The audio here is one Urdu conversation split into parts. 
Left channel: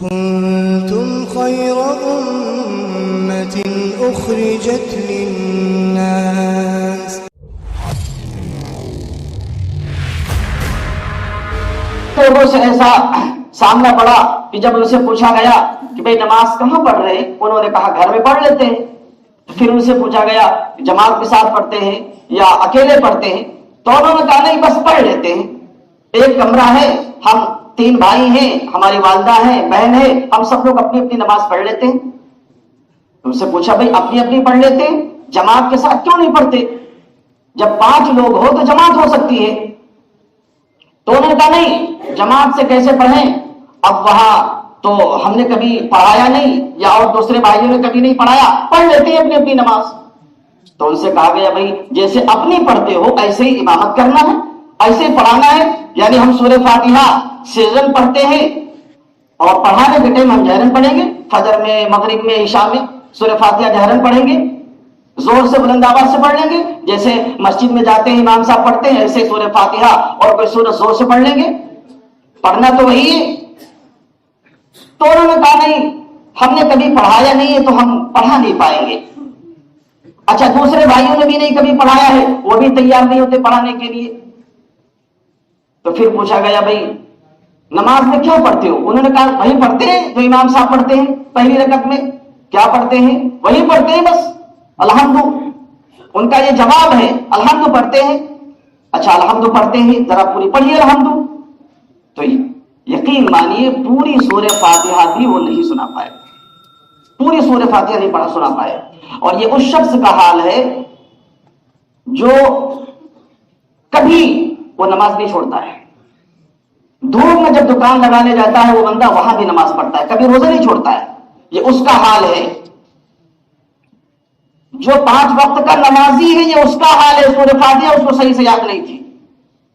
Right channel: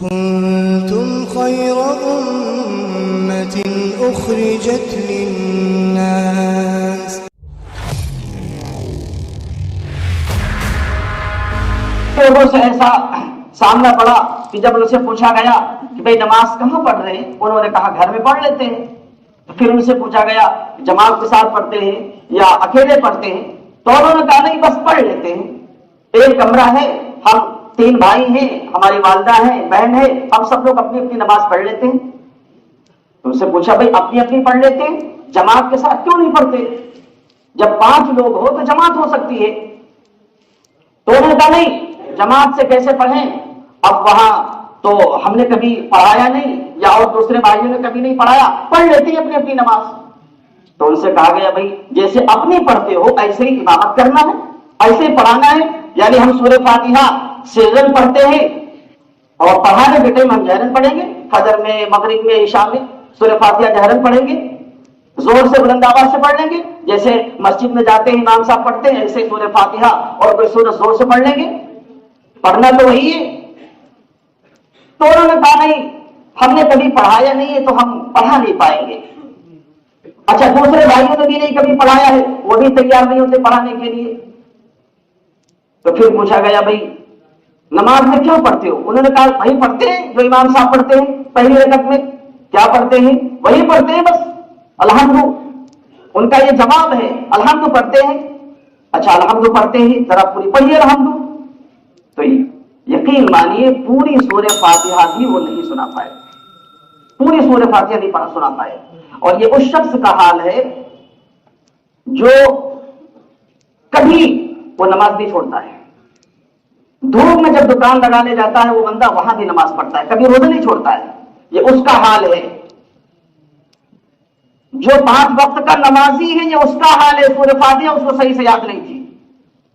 كنتم خير أمة أخرجت للناس. لوگوں سے ایسا سامنا پڑا کہ جب ان سے پوچھا گیا کہ بھئی نماز کہاں پڑھ رہے ہیں، انہوں نے کہا گھر میں پڑھ لیتے ہیں. پھر ان سے پوچھا گیا جماعت کے ساتھ پڑھتے ہیں یا اکیلے پڑھتے ہیں، تو انہوں نے کہا نہیں بس پڑھ لیتے ہیں، ایک کمرہ ہے، ہم 3 بھائی ہیں، ہماری والدہ ہیں، بہن ہے، ہم سب لوگ اپنی اپنی نماز پڑھ لیتے ہیں. ان سے پوچھا بھئی اپنی اپنی پڑھ لیتے ہیں، جماعت کے ساتھ کیوں نہیں پڑھتے؟ جب 5 لوگ ہو تو جماعت ہو سکتی ہے. تو انہوں نے کہا نہیں جماعت سے کیسے پڑھیں، اب وہاں تو ہم نے کبھی پڑھایا نہیں یا اور دوسرے بھائیوں نے کبھی نہیں پڑھایا، پڑھ لیتے ہیں اپنی اپنی نماز. تو ان سے کہا گیا بھائی جیسے اپنی پڑھتے ہو ایسے ہی امامت کرنا ہے، ایسے ہی پڑھانا ہے. یعنی ہم سورہ فاتحہ سرن پڑھتے ہیں اور پڑھانے کے ٹائم ہم جہرن پڑھیں گے، فجر میں، مغرب میں، عشاء میں سورہ فاتحہ جہرن پڑھیں گے، زور سے بلند آواز سے پڑھ لیں گے. جیسے مسجد میں جاتے ہیں امام صاحب پڑھتے ہیں ایسے سورہ فاتحہ اور کوئی سورہ زور سے پڑھ لیں گے، پڑھنا تو وہی ہے. تو انہوں نے کہا نہیں ہم نے کبھی پڑھایا نہیں ہے تو ہم پڑھا نہیں پائیں گے. اچھا دوسرے بھائیوں نے بھی نہیں کبھی پڑھایا ہے، وہ بھی تیار نہیں ہوتے پڑھانے کے لیے. تو پھر پوچھا گیا بھائی نماز میں کیوں پڑھتے ہو؟ انہوں نے کہا وہی پڑھتے ہیں جو امام صاحب پڑھتے ہیں پہلی رکعت میں. کیا پڑھتے ہیں؟ وہی پڑھتے ہیں بس الحمد. ان کا یہ جواب ہے الحمد پڑھتے ہیں. اچھا الحمد پڑھتے ہیں، ذرا پوری پڑھیے الحمد. تو یقین مانیے پوری سورہ فاتحہ بھی وہ نہیں سنا پائے، پوری سورہ فاتحہ نہیں پڑھا سنا پائے. اور یہ اس شخص کا حال ہے جو کبھی وہ نماز نہیں چھوڑتا ہے. دھوپ میں جب دکان لگانے جاتا ہے وہ بندہ وہاں بھی نماز پڑھتا ہے، کبھی روزہ نہیں چھوڑتا ہے. یہ اس کا حال ہے. جو 5 وقت کا نمازی ہے یہ اس کا حال ہے. سورہ فاتحہ اس کو صحیح سے یاد نہیں تھی،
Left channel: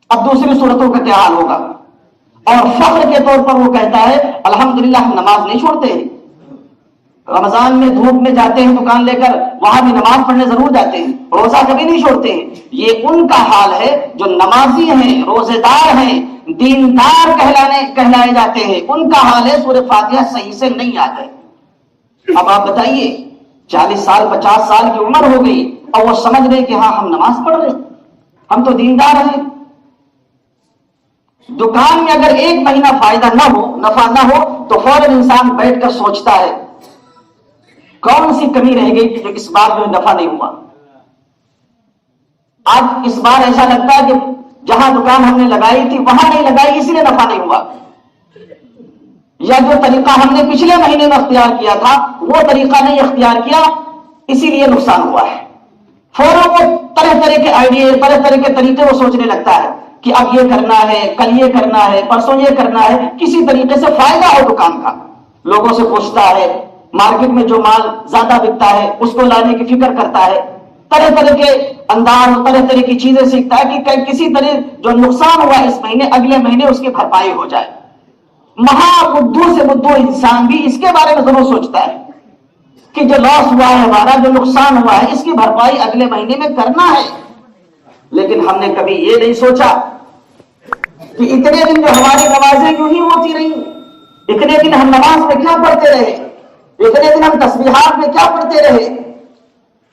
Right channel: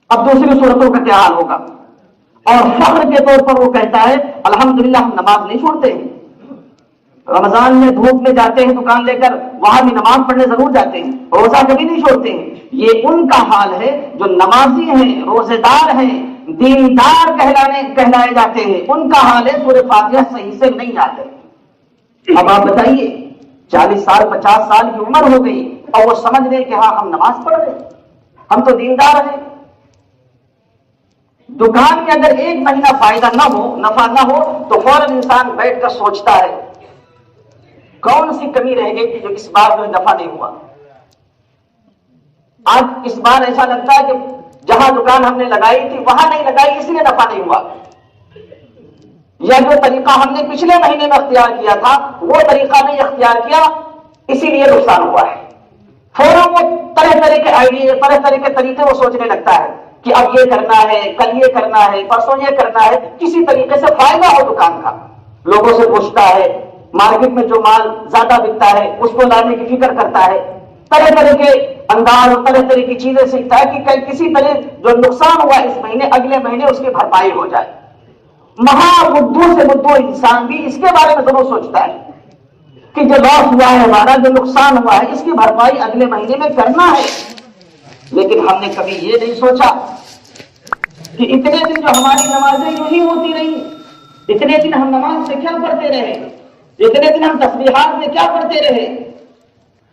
اب دوسری صورتوں کا کیا حال ہوگا؟ اور فخر کے طور پر وہ کہتا ہے الحمدللہ ہم نماز نہیں چھوڑتے ہیں. رمضان میں دھوپ میں جاتے ہیں دکان لے کر، وہاں بھی نماز پڑھنے ضرور جاتے ہیں، روزہ کبھی نہیں چھوڑتے ہیں. یہ ان کا حال ہے جو نمازی ہیں، روزے دار ہیں، دیندار کہلائے جاتے ہیں. ان کا حال ہے سورہ فاتحہ صحیح سے نہیں یاد ہے. اب آپ بتائیے 40 سال 50 سال کی عمر ہو گئی اور وہ سمجھ رہے کہ ہاں ہم نماز پڑھ رہے، ہم تو دیندار ہیں. دکان میں اگر 1 مہینہ فائدہ نہ ہو، نفع نہ ہو، تو فوراً انسان بیٹھ کر سوچتا ہے کون سی کمی رہ گئی جو اس بار میں نفع نہیں ہوا. آج اس بار ایسا لگتا ہے کہ جہاں دکان ہم نے لگائی تھی وہاں نہیں لگائی اس لیے نفع نہیں ہوا، یا جو طریقہ ہم نے پچھلے مہینے میں اختیار کیا تھا وہ طریقہ نہیں اختیار کیا اسی لیے نقصان ہوا ہے. فوراً وہ طرح طرح کے آئیڈیا، طرح طرح کے طریقے وہ سوچنے لگتا ہے کہ اب یہ کرنا ہے، کل یہ کرنا ہے، پرسوں یہ کرنا ہے، کسی طریقے سے فائدہ ہو دکان کا. لوگوں سے پوچھتا ہے، مارکیٹ میں جو مال زیادہ بکتا ہے اس کو لانے کی فکر کرتا ہے، طرح طرح کے انداز، طرح طرح کی چیزیں سیکھتا ہے کہ کسی طرح جو نقصان ہوا اس مہینے اگلے مہینے اس کی بھرپائی ہو جائے. مہا بدھو سے بدھو انسان بھی اس کے بارے میں ضرور سوچتا ہے کہ جو لاس ہوا ہے ہمارا، جو نقصان ہوا ہے، اس کی بھرپائی اگلے مہینے میں کرنا ہے. لیکن ہم نے کبھی یہ نہیں سوچا کہ اتنے دن جو ہماری نمازیں یوں ہی ہوتی رہی، اتنے دن ہم نماز میں کیا پڑھتے رہے، اتنے دن ہم تسبیحات میں کیا پڑھتے رہے.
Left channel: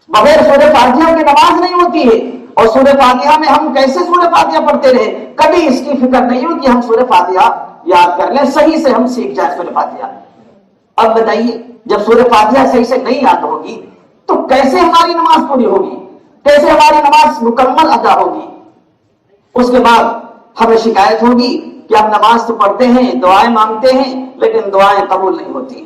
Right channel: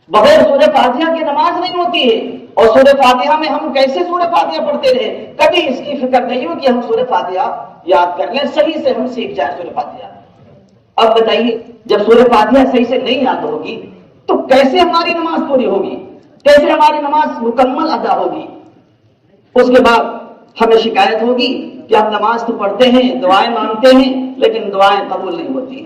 بغیر سورہ فاتحہ کی نماز نہیں ہوتی ہے، اور سورہ فاتحہ میں ہم کیسے سورہ فاتحہ پڑھتے رہے، کبھی اس کی فکر نہیں ہو کہ ہم سورہ فاتحہ یاد کر لیں، صحیح سے ہم سیکھ جائیں سورہ فاتحہ. اب بتائیے جب سورہ فاتحہ صحیح سے نہیں یاد ہوگی تو کیسے ہماری نماز پوری ہوگی، کیسے ہماری نماز مکمل ادا ہوگی؟ اس کے بعد ہمیں شکایت ہوگی کہ ہم نماز تو پڑھتے ہیں، دعائیں مانگتے ہیں، لیکن دعائیں قبول نہیں ہوتی.